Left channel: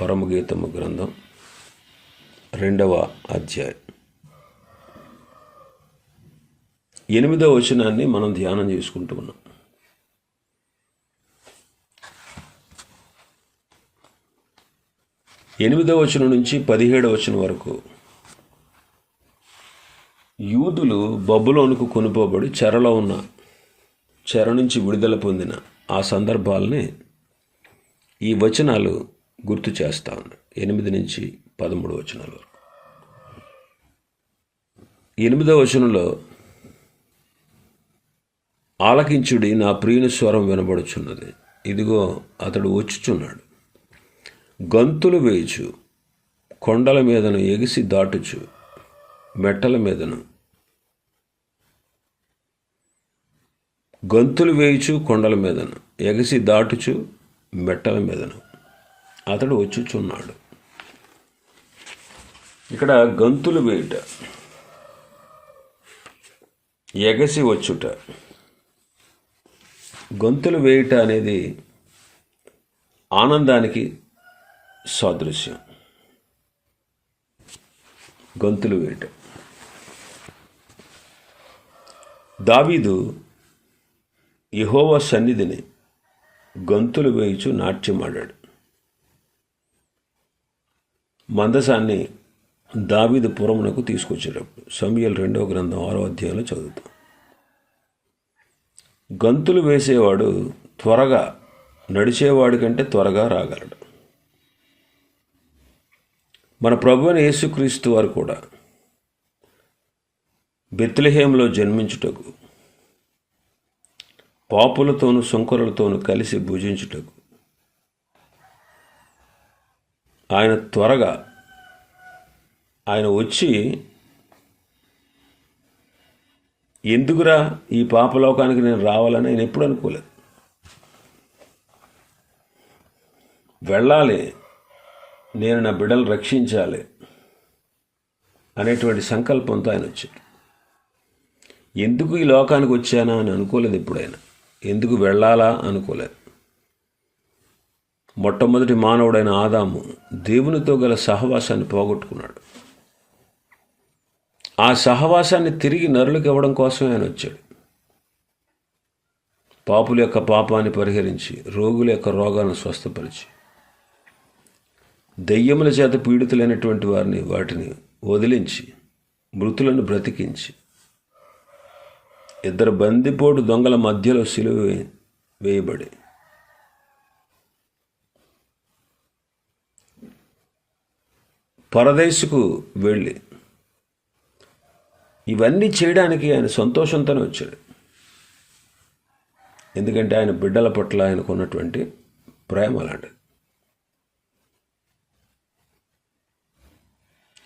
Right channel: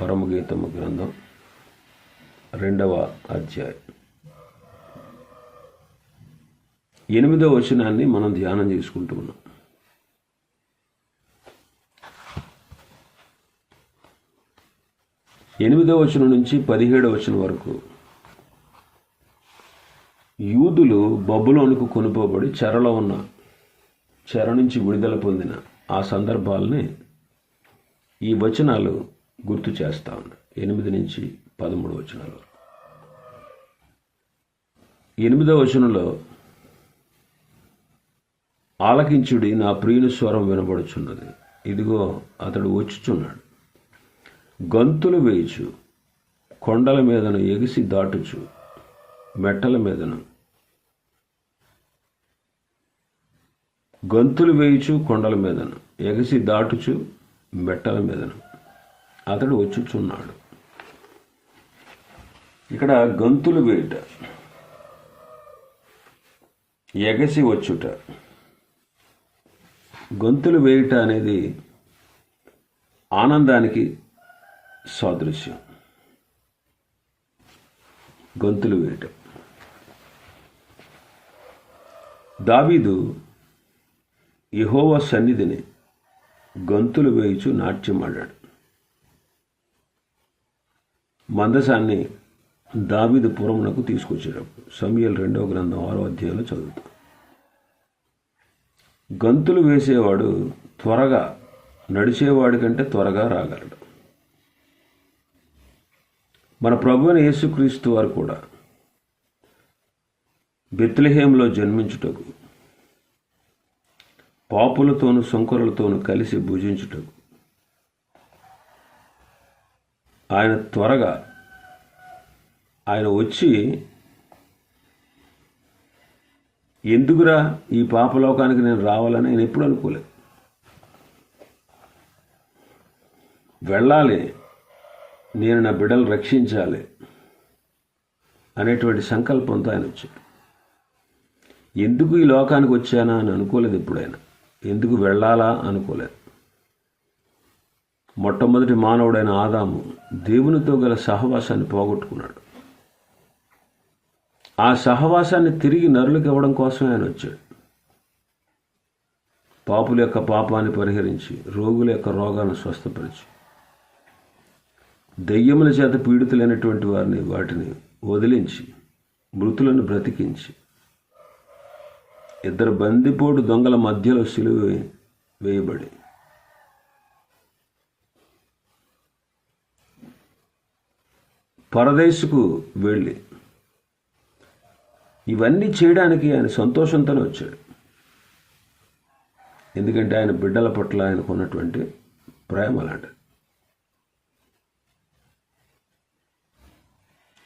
పరమగీతము గ్రంథం రెండవ అధ్యాయం. ఎనిమిదవ వచనాన్ని మనం ధ్యానం చేసుకుంటూ ఉన్నాం. ఎనిమిదవ వచనం నుంచి పదిహేడవ వచనం వరకు యూదులు బబులోనుకు కొనుపోబడి చెరలో ఉన్న చెర నుంచి విడుదల పొందిన ఆ సందర్భాలని ఈ వచనాలు గుర్తు చేస్తాను. ఎనిమిది నుంచి పదమూడు వచనాల. వరకు వచనంలో ఆలకించుడి నా ప్రియుని స్వరం వినబడుచున్నది. ఇదిగో అతడు వచ్చుచున్నాడు. గంతులు వేయచు కొండల మీదను ఎగిసి దాటుచు మెట్టల మీదను. గంతులు వేయుచు కొండల మీదను. ఎగసి దాటుచు మెట్టల మీదను. అతడు వచ్చుచున్నాడు. ఇక్కడ గంతులు వేయుట. ఎగసి వచ్చుట. గొంతులు వేయుట అనేది ఆనందానికి సాదృశ్యం. గొంతులు వేయటం. దావీదు యహోవా సన్నిధిని గొంతులు వేయుచు నాట్యమాడాడు. మందసాన్ని దావీదు పురమునకు తీసుకొచ్చేటప్పుడు సమయల్ రెండవ గ్రంథం ఆరో అధ్యాయంలో చదువుతాం. గంతులు వేసేవాడు త్వరగా నడిచేవాడి కంటే త్వరగా రాగలడు. మన ప్రభు యేసుక్రీస్తు వారు కూడా బెత్లహేంలో జన్మించుటకు పాపులతోనూ శంకరులతోనూ కలిసి భుజించుటకు ఆయన త్వరగా ఆయన వచ్చి ఎందుకురా ఈ పాపలోకానికి నేను రావాలని నేను ఎప్పుడు అనుకోలేదు. వెళ్ళాలి నేను నా బిడ్డలు రక్షించాలి అనేటువంటి సంకల్పంతో ఆయన వచ్చాడు. ఎందుకు ఈ లోకానికి వచ్చానా? అని అనుకోలేదు ఎప్పుడైనా. ఎందుకు వెళ్ళాలా? అనుకోలేదు. మొట్టమొదటి మానవుడైన ఆదాము దేవునితో గల సహవాసాన్ని పోగొట్టుకున్నాడు. ఆ సహవాసాన్ని తిరిగి నరులకు ఇవ్వడం కోసమే ఆయన వచ్చాడు. పాపుల యొక్క పాపాన్ని పరిహరించి రోగుల యొక్క రోగాలను స్వస్థపరిచి దెయ్యముల చేత పీడితులైనటువంటి వారిని వాటిని వదిలించి మృతులను బ్రతికించి ఇద్దరు బందిపోటు దొంగల మధ్యలో సిలువ వేయబడి పరదేశుకు వెళ్ళి. ఇవన్నీ చేయడానికి ఆయన సంతోషంతోనే వచ్చాడు. ఎందుకంటే ఆయన బిడ్డల పట్ల ఆయనకు ఉన్నటువంటి ప్రేమ అలాంటిది.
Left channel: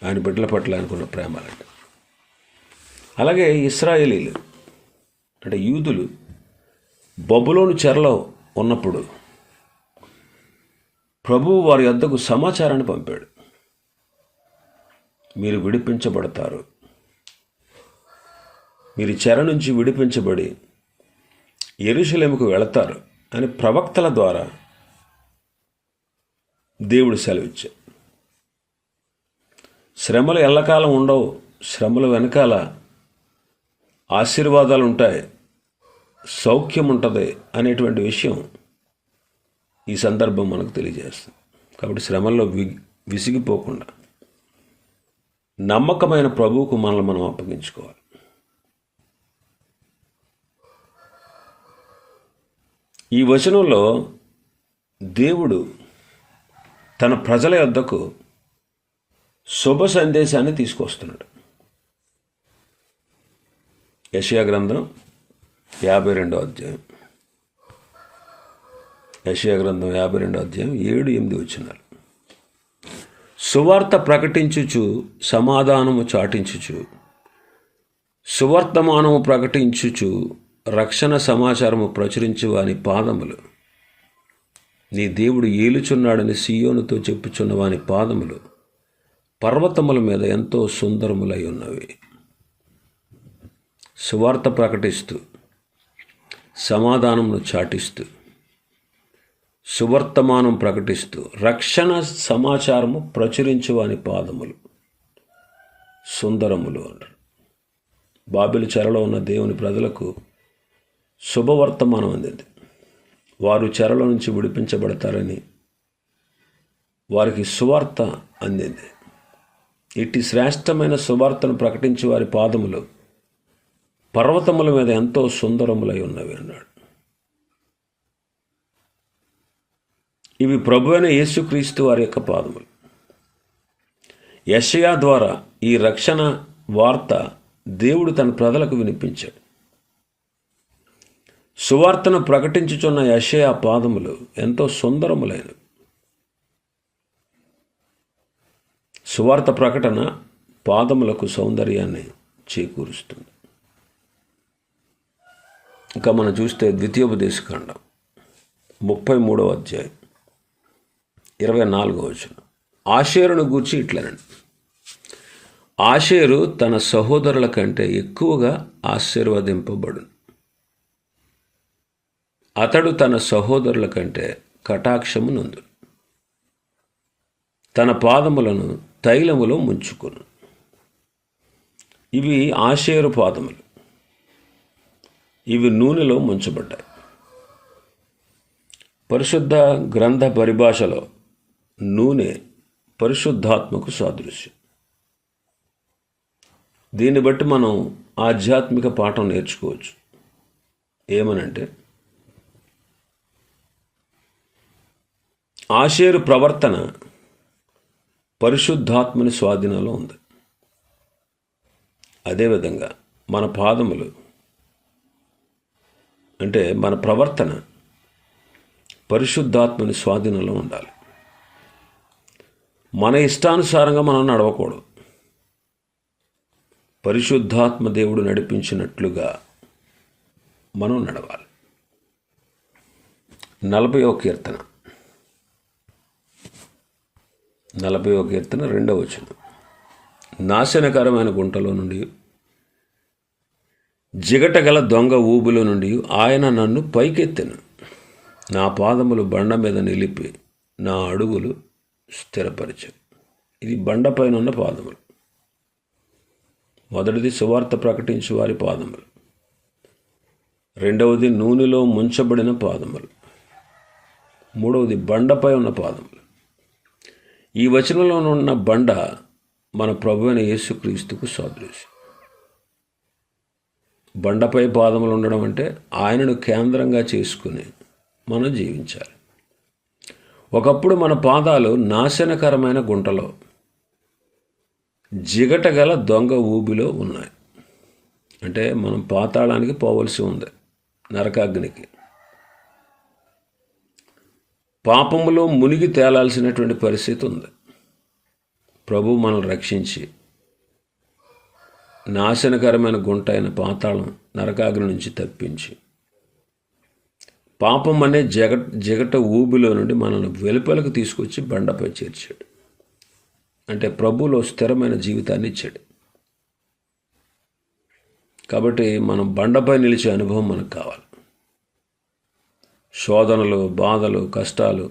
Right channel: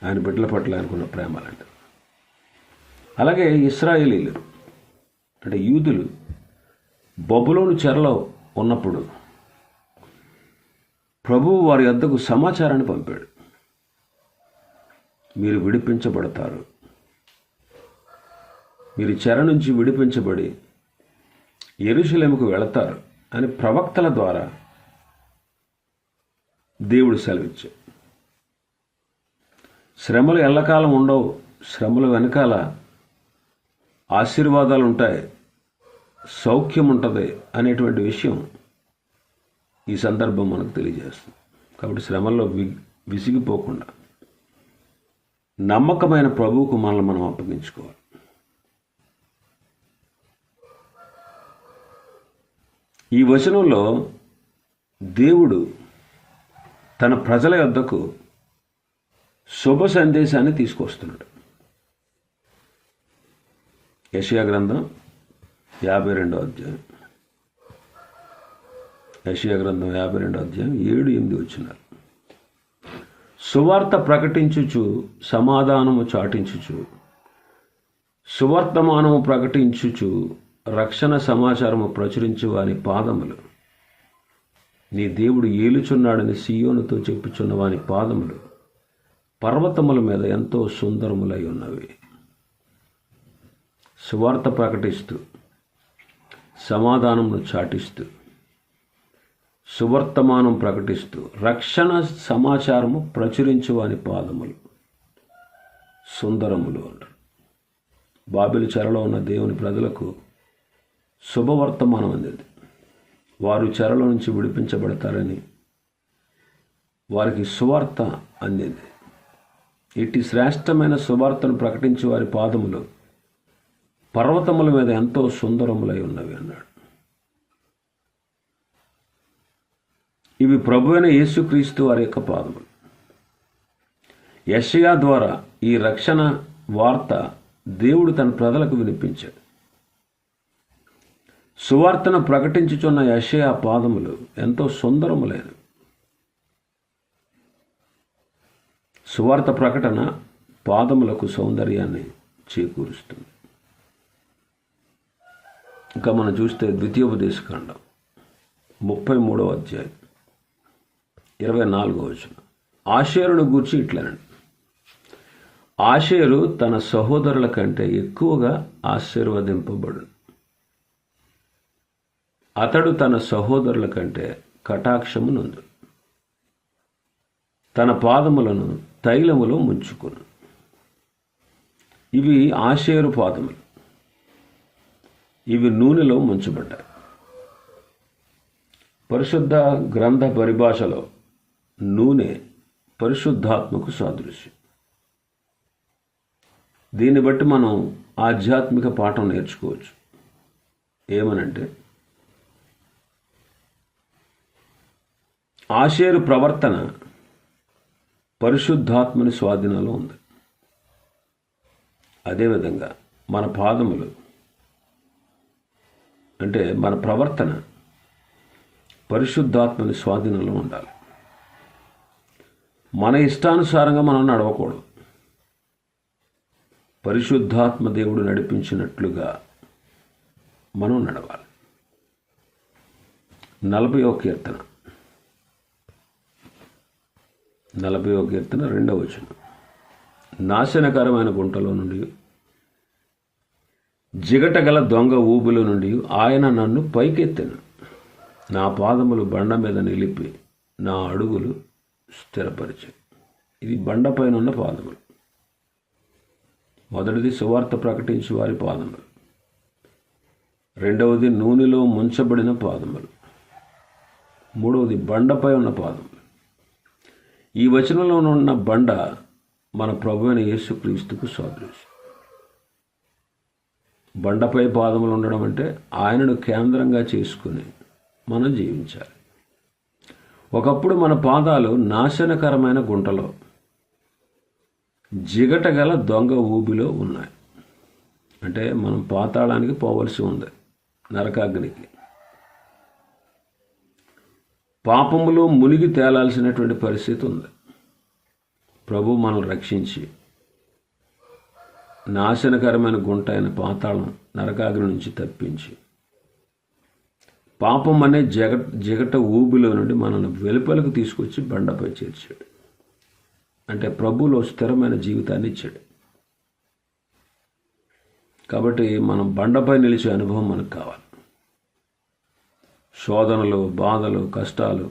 ఆయన బిడ్డల పట్ల ఆయనకున్న ప్రేమ అలాంటిది. అలాగే ఇస్రాయేలీలు అంటే యూదులు బొబ్బులోని చెరలో ఉన్నప్పుడు ప్రభువు వారి వద్దకు సమాచారాన్ని పంపాడు. మీరు విడిపించబడతారు. మీరు చెర నుంచి విడిపించబడి ఎరుశలేముకు వెళతారు అని ప్రవక్తల ద్వారా దేవుడు సెలవిచ్చాడు. శ్రమలు ఎల్లకాలం ఉండవు శ్రమల వెనకాల ఆశీర్వాదాలు ఉంటాయి సౌఖ్యం ఉంటుంది అనేటువంటి విషయం ఈ సందర్భం మనకు తెలియజేస్తుంది. కాబట్టి శ్రమల్లో వి విసిగిపోకుండా నమ్మకమైన ప్రభువుకు మనల్ని మనం అప్పగించుకోవాలి. ఈ వచనంలో దేవుడు తన ప్రజల యొద్దకు శుభ సందేశాన్ని తీసుకొస్తున్నాడు. యషియా గ్రంథం యాభై రెండో అధ్యాయం. యషియా గ్రంథం యాభై రెండో అధ్యాయం ఏడు ఎనిమిది వచ్చినారు సువార్త ప్రకటించుచు సమాధానము చాటించుచు సువర్తమానము ప్రకటించుచు రక్షణ సమాచారము ప్రచురించు వాని పాదములు. నీ దేవుడు ఏలుచున్నాడని సీయోనుతో చెప్పుచున్న వాని పాదములు పర్వతముల మీద ఎంతో సుందరములై ఉన్నవి. సువార్త ప్రకటిస్తూ సమాధానమును చాటిస్తూ సువర్తమానం ప్రకటిస్తూ రక్షణ సమాచారము ప్రచురించువాని పాదములు సుందరములు అంటారు బాబిలు చెరలో ఉన్న దేవుని ప్రజలకు శుభవర్తమానం అందింది. వారు చెరల నుంచి విడిపించబడతారని వారికి సువార్త అందింది. ఇట్టి శ్రేష్టమైన సువార్తను ప్రకటించి వారి పాదములు పర్వతముల మీద ఎంతో సుందరములై ఉన్నవి అన్నాడు. ఇవి ప్రభు అయిన యేసుక్రీస్తు వారి యొక్క పాదములు. యషయా ద్వారా ఈ రక్షణ వార్త దేవుడు తన ప్రజలకు వినిపించాడు. సువార్తను ప్రకటించుచున్న యషయా పాదములు ఎంతో సుందరములైనవి. సువార్త ప్రకటన పాదములకు సౌందర్యాన్ని చేకూరుస్తుంది. ఇంకా మనం చూస్తే ద్వితీయోపదేశకాండం ముప్పై మూడవ అధ్యాయం. ఇరవై నాలుగో వచనం. ఆషేరును గూర్చి ఇట్లనండి. ఆషేరు తన సహోదరుల కంటే ఎక్కువగా ఆశీర్వదింపబడు అతడు తన సహోదరుల కంటే కటాక్షము నందు తన పాదములను తైలములో ముంచుకును. ఇవి ఆషేరు పాదములు. ఇవి నూనెలో ముంచబడ్డాయి. పరిశుద్ధ గ్రంథ పరిభాషలో నూనె పరిశుద్ధాత్మకు సాదృశ్యం. దీన్ని బట్టి మనం ఆధ్యాత్మిక పాఠం నేర్చుకోవచ్చు. ఏమనంటే ఆషేరు ప్రవర్తన పరిశుద్ధాత్మని స్వాధీనంలో ఉంది. అదేవిధంగా మన పాదములు అంటే మన ప్రవర్తన పరిశుద్ధాత్మని స్వాధీనంలో ఉండాలి. మన ఇష్టానుసారంగా మనం నడవకూడదు. పరిశుద్ధాత్మ దేవుడు నడిపించినట్లుగా మనం నడవాలి. నలభయో కీర్తన. నలభయో కీర్తన రెండవ వచనం. నాశనకరమైన గుంటలో నుండి జిగటగల దొంగ ఊబుల నుండి ఆయన నన్ను పైకెత్తిన. నా పాదములు బండ మీద నిలిపి నా అడుగులు స్థిరపరిచాను ఇది బండపైన ఉన్న పాదములు. మొదటిది సువార్త ప్రకటించే వారి పాదములు. రెండవది నూనెలో ముంచబడిన పాదములు. మూడవది బండపై ఉన్న పాదములు. ఈ వచనంలో ఉన్న బండ మన ప్రభు అయిన యేసుక్రీస్తుకు సాదృశ్యం బండపై పాదములు ఉండడం అంటే ఆయనను కేంద్రంగా చేసుకుని మనం జీవించాలి. ఒకప్పుడు మన పాదాలు నాశనకరమైన గుంటలో. జిగటగల దొంగ ఊబిలో ఉన్నాయి. అంటే మనం పాతాళానికి పోవలసి ఉంది నరకాగ్నికి. పాపములు మునిగి తేలాల్సినటువంటి పరిస్థితి ఉంది. ప్రభు మనల్ని రక్షించి నాశనకరమైన గుంట అయిన పాతాళం నరకాగ్ని నుంచి తప్పించి పాపం అనే జగ జగట ఊబిలో నుండి మనల్ని వెలుపలకు తీసుకొచ్చి బండపై చేర్చాడు. అంటే ప్రభులో స్థిరమైన జీవితాన్ని ఇచ్చాడు. కాబట్టి మనం బండపై నిలిచే అనుభవం మనకు కావాలి. శోధనలు బాధలు కష్టాలు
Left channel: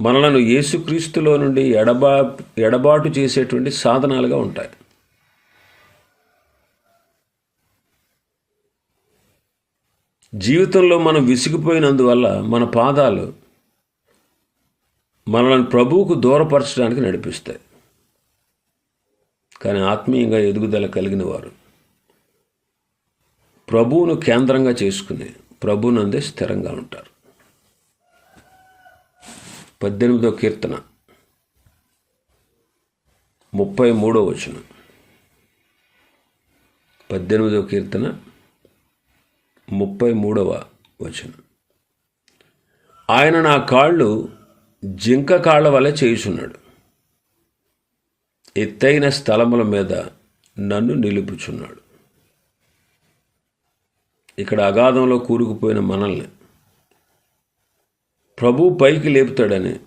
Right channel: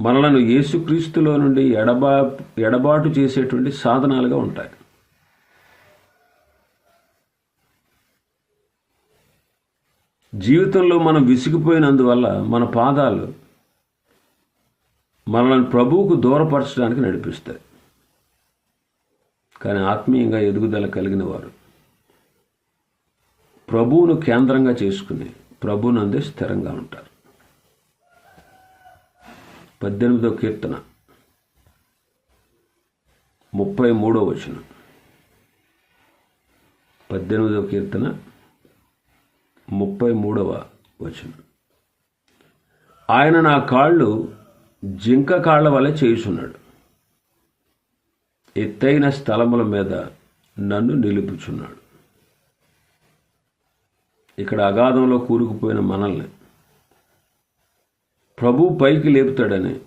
మనలను యేసుక్రీస్తులో నుండి ఎడబా ఎడబాటు చేసేటువంటి సాధనాలుగా ఉంటాయి. జీవితంలో మనం విసిగిపోయినందువల్ల మన పాదాలు మనల్ని ప్రభువుకు దూరపరచడానికి నడిపిస్తాయి. కానీ ఆత్మీయంగా ఎదుగుదల కలిగిన వారు ప్రభువును కేంద్రంగా చేసుకుని ప్రభునందే స్థిరంగా ఉంటారు. పద్దెనిమిదో కీర్తన ముప్పై మూడో వచనం. పద్దెనిమిదో కీర్తన ముప్పై మూడవ వచనం. ఆయన నా కాళ్ళు జింక కాళ్ళ వలె చేయుచున్నాడు. ఎత్తైన స్థలముల మీద నన్ను నిలుపుచున్నాడు. ఇక్కడ అగాధంలో కూరుకుపోయిన మనల్ని ప్రభు పైకి లేపుతాడని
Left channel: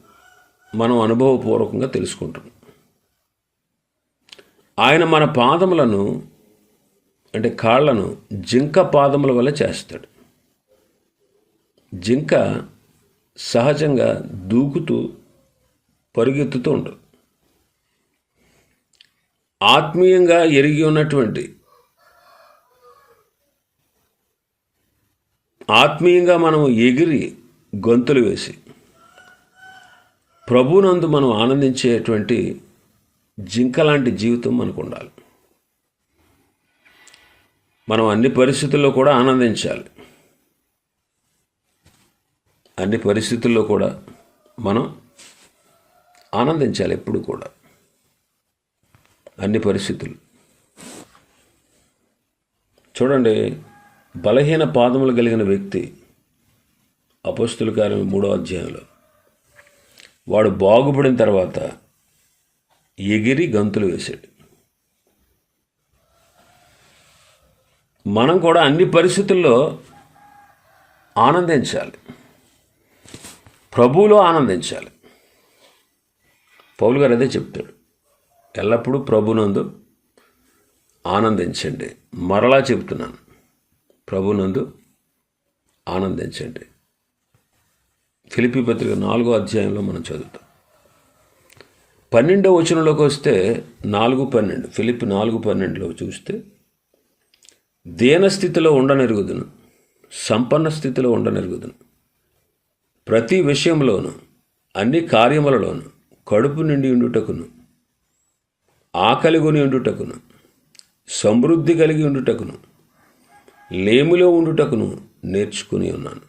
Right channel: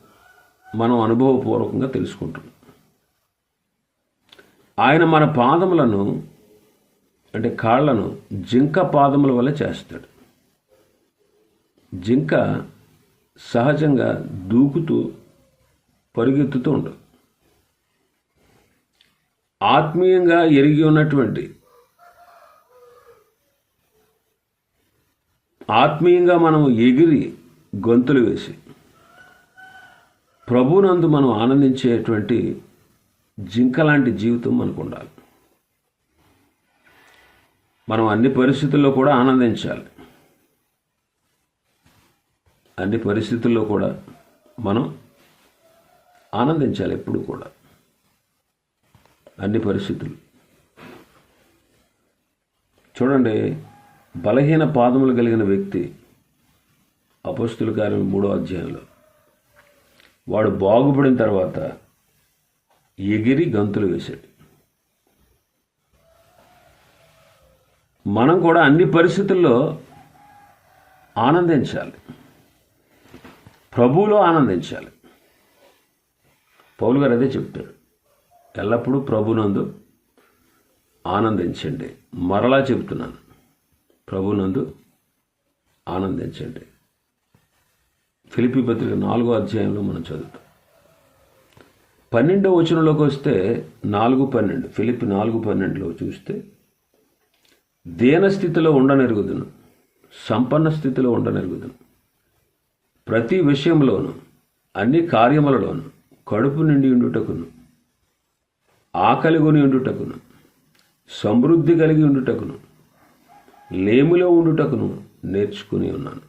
మనం అనుభవపూర్వకంగా తెలుసుకుంటున్నాం. ఆయన మన పాదములను అంటే కాళ్ళను జింక పాదముల వల్ల చేస్తాడు. జింక సహజంగా దూకుతూ పరుగెత్తుతూ ఉండదు. ఆత్మీయంగా ఎరిగి ఉన్నటువంటి ఆత్మీయంగా మనం ఎగిరి గొంతులు వేసి ప్రభునందు మనం ఆనందించేటువంటి జింక లాంటి జీవితం మనకు ఉండాలి. మనం అన్ని పరిస్థితుల్లో కూడా ఆనందించాలి. అన్ని పరిస్థితుల్లో కూడా మనం ఆనందించాలి ఎప్పుడు కూడా. అన్ని పరిస్థితులు. చూడండి బలహీన పాదములు కలిగిన వ్యక్తి అపస్తుల కార్యం మూడో అధ్యాయంలో. వాడు బాగుపడిన తర్వాత ఎగిరి గంతులు వేశాడు. మనం కూడా అన్ని పరిస్థితుల్లో ఆనందించాలి. ప్రభువులో ఆనందించాలి. పౌలు గారు అదే చెప్తాడు. ఎల్లప్పుడూ ప్రభునందు ఆనందించండి. మరలా చెప్తున్నాను ప్రభునందు ఆనందించండి. ఫిలిపి పత్రిక నాలుగో అధ్యాయంలో మనం చదువుతాం. పన్నెండో వచనంలోకి వస్తే నాలుగు పన్నెండు ఫిలిప్ నాలుగు పన్నెండులో చూస్తే దేన స్థితిలో ఉండనెరుగుదును సంపన్న స్థితిలో ఉండనెరుగుదును. ప్రతి విషయంలోనూ అన్ని కార్యములలోనూ కడుపు నిండి ఉండుటకును ఆకలి కొని ఉండుటకును సమృద్ధి కలిగి ఉండుటకును లేమిలో ఉండుటకును నేర్చుకుని ఉన్నాను.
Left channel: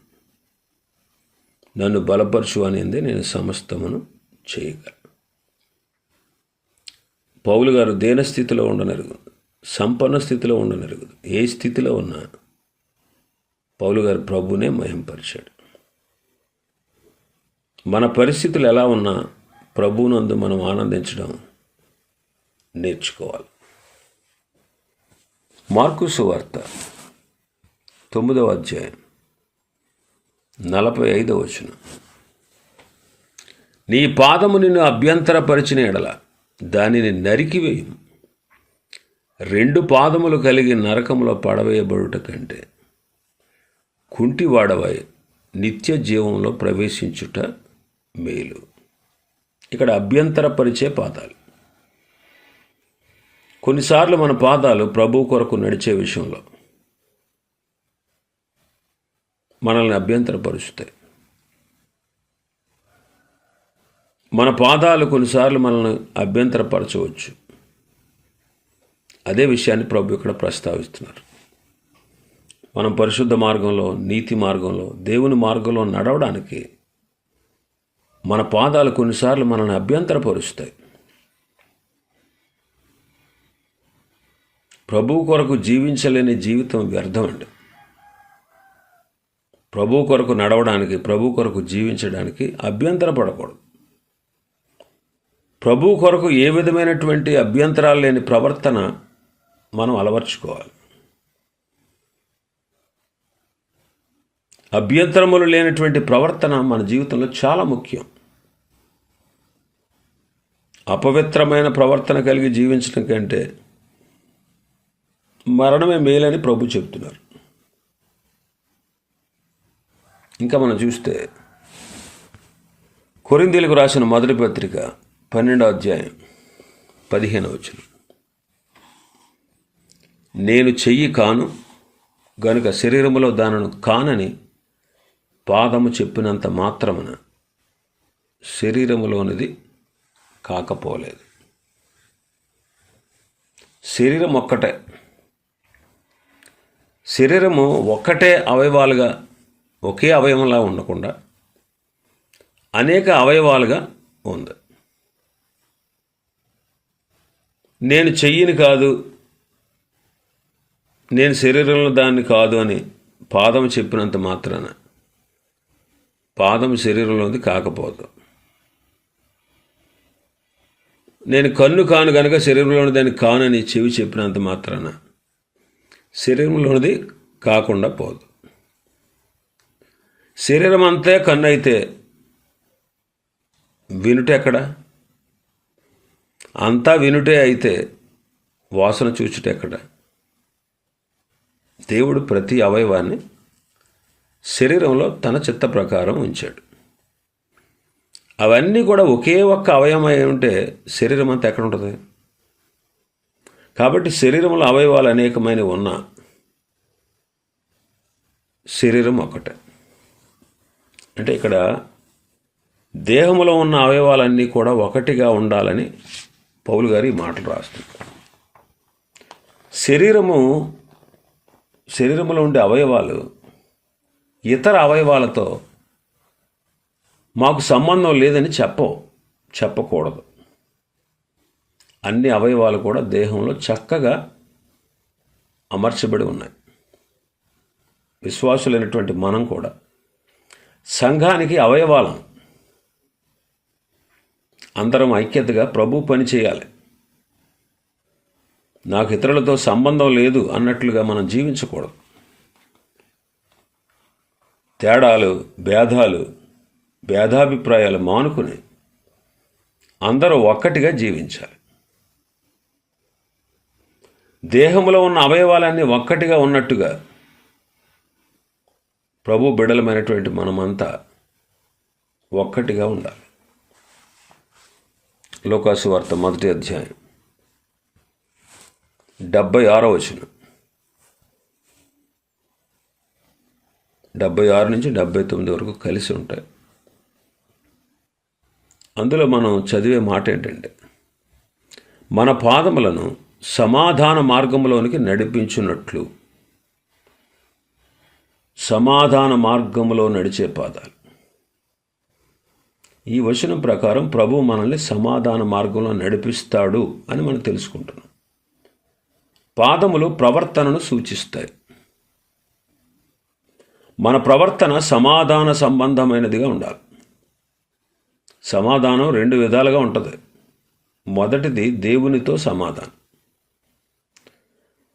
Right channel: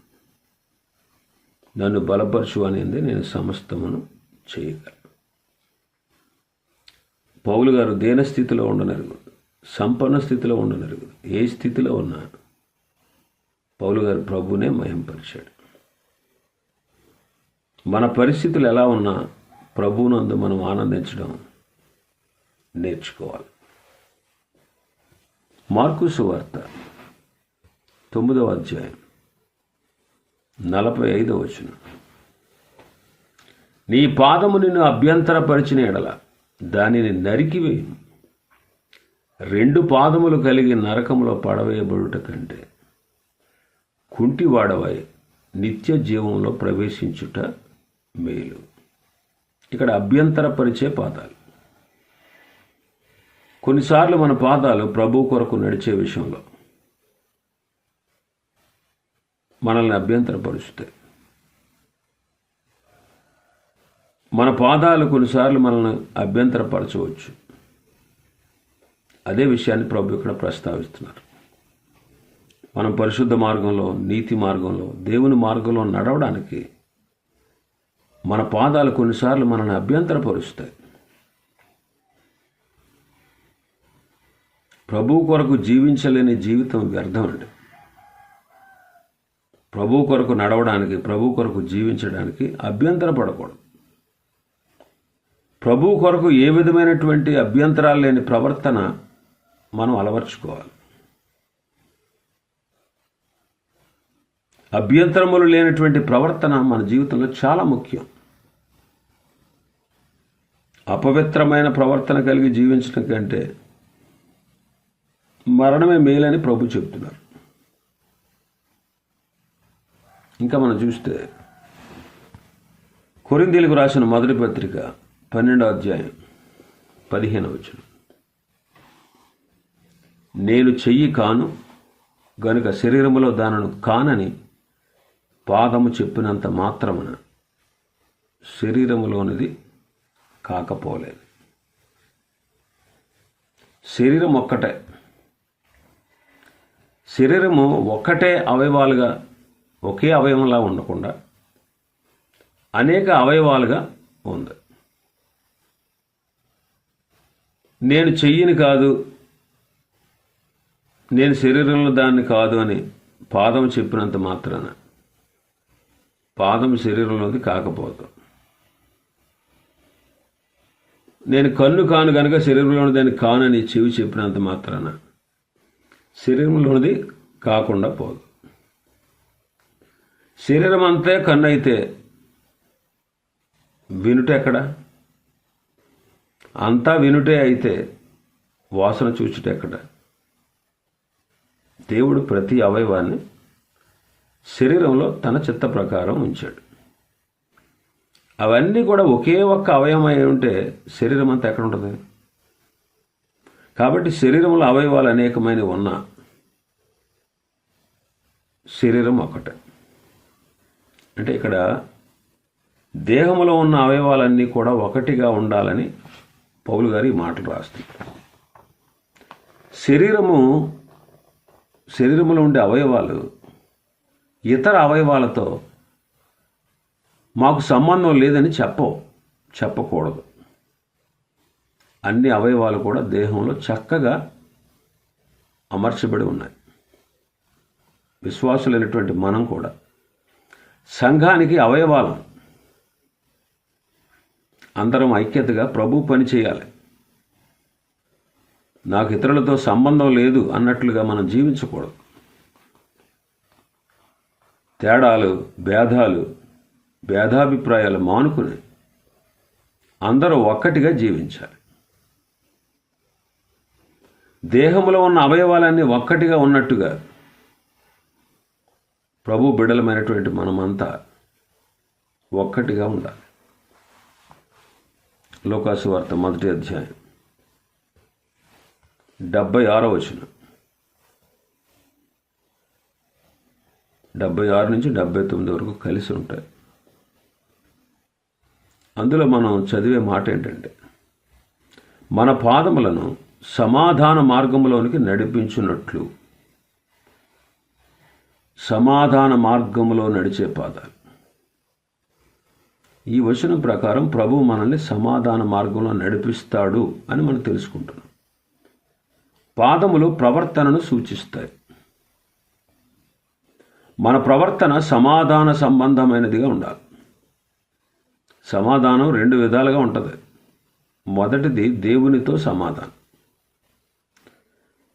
నన్ను బలపరచు అనేది నేను సమస్తమును చేయగలను. పౌలు గారు దేన స్థితిలో సంపన్న స్థితిలో ఉండనరుగు ఏ స్థితిలో ఉన్నా పౌలు గారు ప్రభునే మహింపరిచాడు. మన పరిస్థితులు ఎలా ఉన్నా ప్రభునందు మనం ఆనందించడం నేర్చుకోవాలి. మార్కు సువార్త తొమ్మిదవ అధ్యాయం నలభై ఐదవ వచనం. నీ పాదము నిన్ను అభ్యంతరపరిచిన ఎడల దానిని నరికివేయము. రెండు పాదములు కలిగి నరకములో పడవేయబడుట కంటే కుంటివాడవై నిత్య జీవంలో ప్రవేశించుట మేలు. ఇక్కడ అభ్యంతరపరిచే పాదాలు. కొన్నిసార్లు మన పాదాలు ప్రభు కొరకు నడిచే విషయంలో మనల్ని అభ్యంతరపరుస్తాయి. మన పాదాలు కొన్నిసార్లు మనల్ని అభ్యంతరపరచవచ్చు. అదే విషయాన్ని ప్రభు ఇక్కడ ప్రస్తావిస్తున్నారు. మనం పరిశుద్ధ మార్గంలో నీతి మార్గంలో దేవుని మార్గంలో నడవడానికి మన పాదాలు కొన్నిసార్లు మనల్ని అభ్యంతరపరుస్తాయి. ప్రభు కొరకు జీవించలేని జీవితం వ్యర్థం అండి. ప్రభు కొరకు నడవడానికి ప్రభు కొరకు జీవించడానికి అభ్యంతరపడకూడదు. ప్రభు కొరకు ఏ విధమైనటువంటి అభ్యంతరాలు లేని ప్రవర్తన మనం అలవర్చుకోవాలి. అభ్యంతరములు లేనటువంటి ప్రవర్తన మన జీవితంలో చాలా ముఖ్యం. అపవిత్రమైన ప్రవర్తన కలిగి జీవించడం కంటే మరణమే మేలని ప్రభు చెబుతున్నారు. ఇంకా మనం చూస్తే కొరిందీలకు రాసిన మొదటి పత్రిక పన్నెండో అధ్యాయం పదిహేను వచ్చింది నేను చెయ్యి కాను గనుక శరీరములో దానను కానని పాదము చెప్పినంత మాత్రమున శరీరములోనిది కాకపోలేదు. శరీరం ఒక్కటే. శరీరము ఒక్కటే అవయవాలుగా ఒకే అవయవంలా ఉండకుండా అనేక అవయవాలుగా ఉంది. నేను చెయ్యిని కాదు నేను శరీరంలో దాన్ని కాదు అని పాదం చెప్పినంత మాత్రాన పాదం శరీరంలోది కాకపోదు. నేను కన్ను కాను కనుక శరీరంలోని దాన్ని కానని చెవి చెప్పినంత మాత్రాన శరీరంలోనిది కాకుండా పోదు. శరీరం అంతే కన్ను అయితే వినుట ఎక్కడ? అంతా వినుటే అయితే వాసన చూచుట ఎక్కడ? దేవుడు ప్రతి అవయవాన్ని శరీరంలో తన చిత్త ప్రకారం ఉంచాడు. అవన్నీ కూడా ఒకే ఒక్క అవయవం అయి ఉంటే శరీరం అంతా ఎక్కడ ఉంటుంది? కాబట్టి శరీరంలో అవయవాలు అనేకమైనవి ఉన్నా శరీరం ఒకటే అంటే ఇక్కడ దేహంలో ఉన్న అవయవాలన్నీ కూడా ఒకటిగా ఉండాలని పౌలు గారు ఈ మాటలు రాస్తున్నారు. శరీరము శరీరంలో ఉండే అవయవాలు ఇతర అవయవాలతో మాకు సంబంధం లేదని చెప్పవు చెప్పకూడదు. అన్ని అవయవాలు కూడా దేహంలో చక్కగా అమర్చబడి ఉన్నాయి. విశ్వాసులైనటువంటి మనం కూడా సంఘానికి అవయవాలం. అందరం ఐక్యతగా ప్రభు పని చేయాలి. నాకు ఇతరులతో సంబంధం లేదు అన్నట్లుగా మనం జీవించకూడదు. తేడాలు భేదాలు భేదాభిప్రాయాలు మానుకుని అందరూ ఒక్కటిగా జీవించాలి. దేహంలో ఉన్న అవయవాలన్నీ ఒక్కటిగా ఉన్నట్టుగా ప్రభు బిడలమైనటువంటి మనమంతా ఒక్కటిగా ఉండాలి. లోకాసు వార్త మొదటి అధ్యాయం. డెబ్బై ఆరో వచనం డెబ్బై ఆరు నుంచి డెబ్బై తొమ్మిది వరకు కలిసి ఉంటాయి. అందులో మనం చదివే మాట ఏంటంటే మన పాదములను సమాధాన మార్గంలోనికి నడిపించున్నట్లు సమాధాన మార్గంలో నడిచే పాదాలు. ఈ వచనం ప్రకారం ప్రభు మనల్ని సమాధాన మార్గంలో నడిపిస్తాడు అని మనం తెలుసుకుంటున్నాం. పాదములు ప్రవర్తనను సూచిస్తాయి. మన ప్రవర్తన సమాధాన సంబంధమైనదిగా ఉండాలి. సమాధానం రెండు విధాలుగా ఉంటుంది. మొదటిది దేవునితో సమాధానం.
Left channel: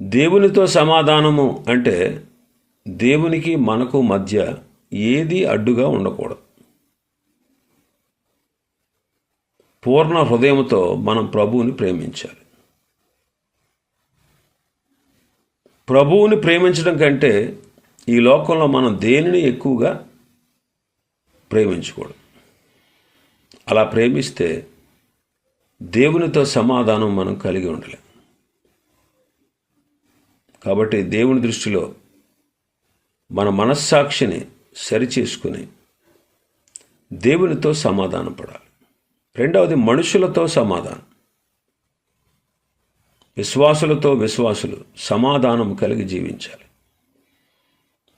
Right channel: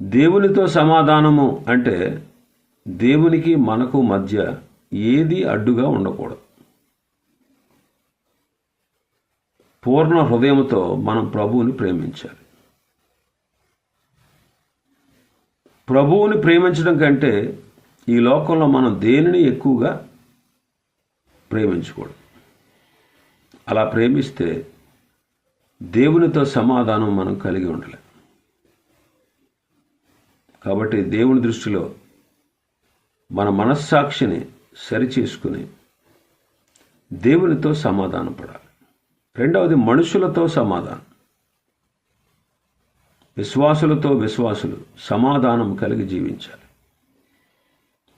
దేవునితో సమాధానము అంటే దేవునికి మనకు మధ్య ఏది అడ్డుగా ఉండకూడదు. పూర్ణ హృదయంతో మనం ప్రభువుని ప్రేమించాలి. ప్రభువుని ప్రేమించడం కంటే ఈ లోకంలో మనం దేనిని ఎక్కువగా ప్రేమించకూడదు? అలా ప్రేమిస్తే దేవునితో సమాధానం మనం కలిగి ఉండలేం. కాబట్టి దేవుని దృష్టిలో మన మనస్సాక్షిని సరిచేసుకుని దేవునితో సమాధానం పడాలి రెండవది మనుషులతో సమాధానం. విశ్వాసులతో విశ్వాసులు సమాధానం కలిగి జీవించాలి.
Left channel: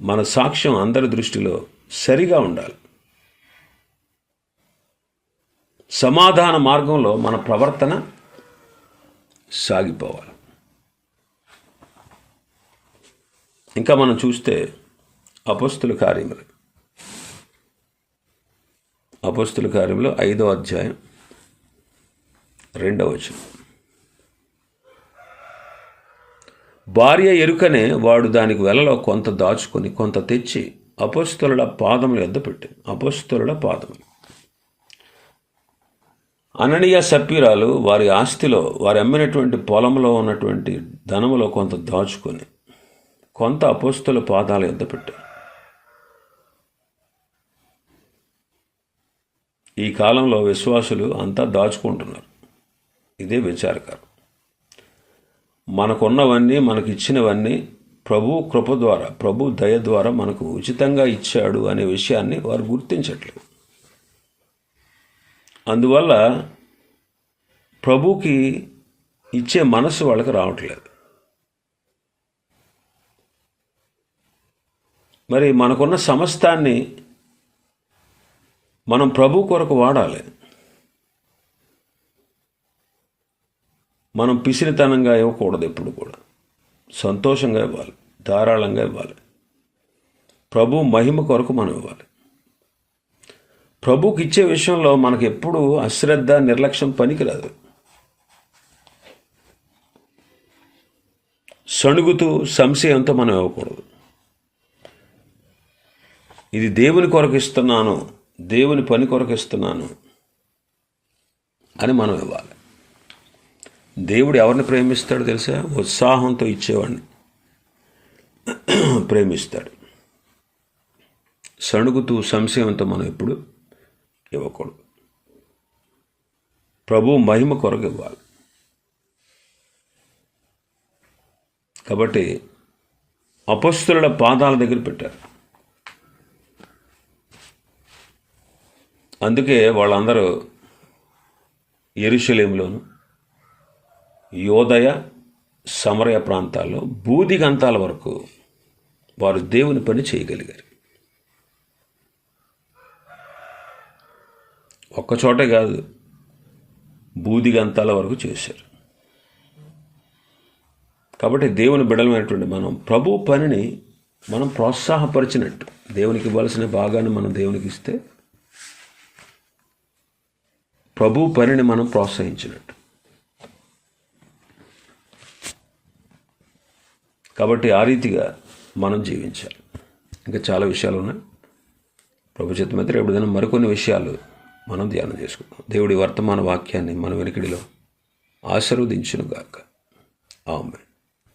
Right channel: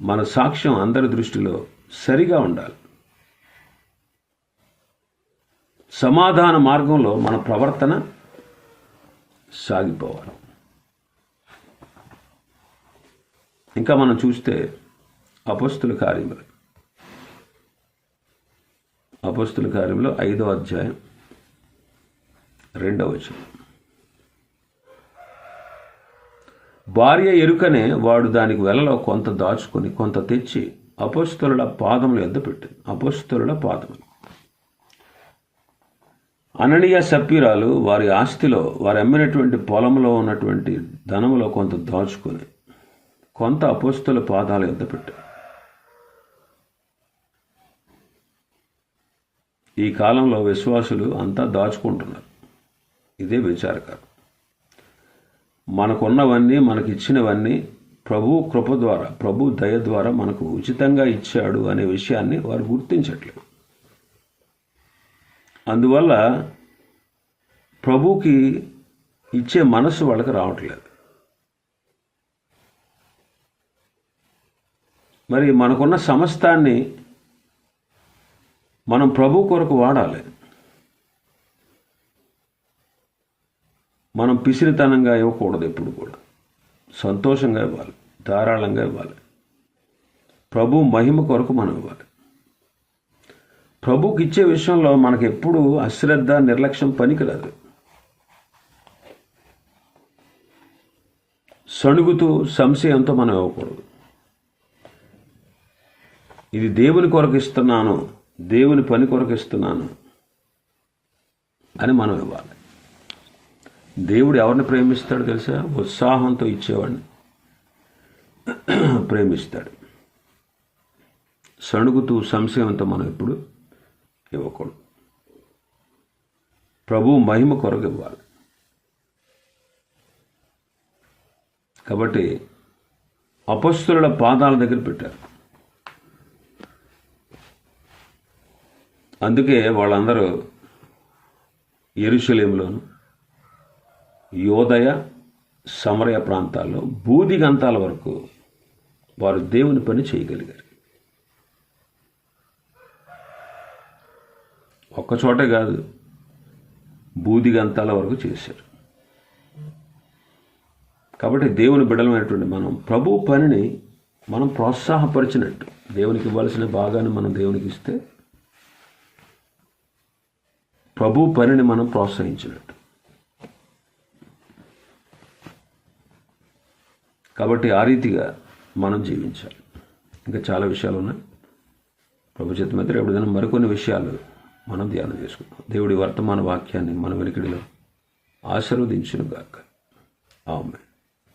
మన సాక్ష్యం అందరి దృష్టిలో సరిగా ఉండాలి. సమాధాన మార్గంలో మన ప్రవర్తన సాగిపోవాలి. ఇంకా మనం చూస్తే అపస్తుల కార్యములు. అపస్తుల కార్యంలో ఐదో అధ్యాయం రెండవ వచనం. భార్య ఎరుకనే వాడు దానికి వెలలో కొంత దాచుకొని కొంత తెచ్చి అపోస్తుల పాదములు ఎంత పెట్టింది. అపోస్తుల పాదములు అననీయ సప్పీరాలు వారి ఆస్తిలో వారు అమ్మినటువంటి పొలంలో ఉన్నటువంటి ధనములో కొంత దాచుకొని కొంత అపోస్తుల పాదాలు ఎద్ద పెట్టారు. ఈ కాలంలో విశ్వాసులు అంతా దాచుకుంటున్నారు. ఇదే విచారకరం. మనకున్నవన్నీ మనకు ఇచ్చినవన్నీ ప్రభు కృప ద్వారా ప్రభు దయ ద్వారా మనకు ఉచితంగా ఇచ్చాడు అనే విషయాన్ని వారు గుర్తించట్లేదు. అందువల్ల ప్రభుకి ఇచ్చే మనసు వాళ్ళకి రావట్లేదు. మరి మనకున్న సమస్తాన్ని మనం ప్రభు కొరకు వాడాలి. మనం పిసిరితనంగా ఇవ్వకూడదు ఎప్పుడు కూడా. సంతోషంగా ఇవ్వాలి ధారాళంగా ఇవ్వాలి. ప్రభు మహిమ కొరకు మనం ఇవ్వాలి. ప్రభుకి ఇచ్చే విషయంలో మనకు ఎప్పుడు అశ్రద్ధ నిర్లక్ష్యం పనికిరాదు. సణుగుతూ సంశయంతో మనం ఇవ్వకూడదు. ఇది దేవుని కొరకు ఇస్తున్నాను దేవుని పని కొరకు ఇస్తున్నాను అని మనం ఇవ్వాలి. దేవుడు ఎవరిని ప్రేమిస్తాడు తెలుసా? ఉత్సాహంతో ఇచ్చేవాడిని. ప్రేమిస్తాడు. సణుగుతూ సంశయంతో మనం ఎప్పుడు ఇవ్వకూడదు. ప్రభు మహిమ కొరకు ఇవ్వాలి. కాబట్టి అపస్తుల పాదాల దగ్గర పెట్టారు. అందుకే వాళ్ళందరూ ఎరుషలేంలోను యోదయ సమరయ ప్రాంతాల్లో బూదిగంతాల వరకు వారు దేవుని పని చేయగలిగారు. ఒక్కచోటే కాదు బూదిగంతాల వరకు చేశారు. కాబట్టి దేవుని బిడలమైనటువంటి మనం ప్రభు పనిని మనం ప్రోత్సాహపరిచినట్టు దేవునికి ఇవ్వాల్సిన భాగాన్ని మనం దేవునికి ఇస్తే ప్రభు పనిని మనం ప్రోత్సహించినట్టు. కాబట్టి ఆ రీతిగా మనం జీవించాలి. ఇంకా చాలా విషయాలు ఉన్నాయి. ప్రభు చిత్తమైతే ఎప్పుడైనా మరికొన్ని విషయాలు మనం ధ్యానం చేసుకుందాం. దేవుడి వర్తమాన వాక్యాన్ని మన వెనుకడిలో ఆశీర్వదించునుగాక. ఆమె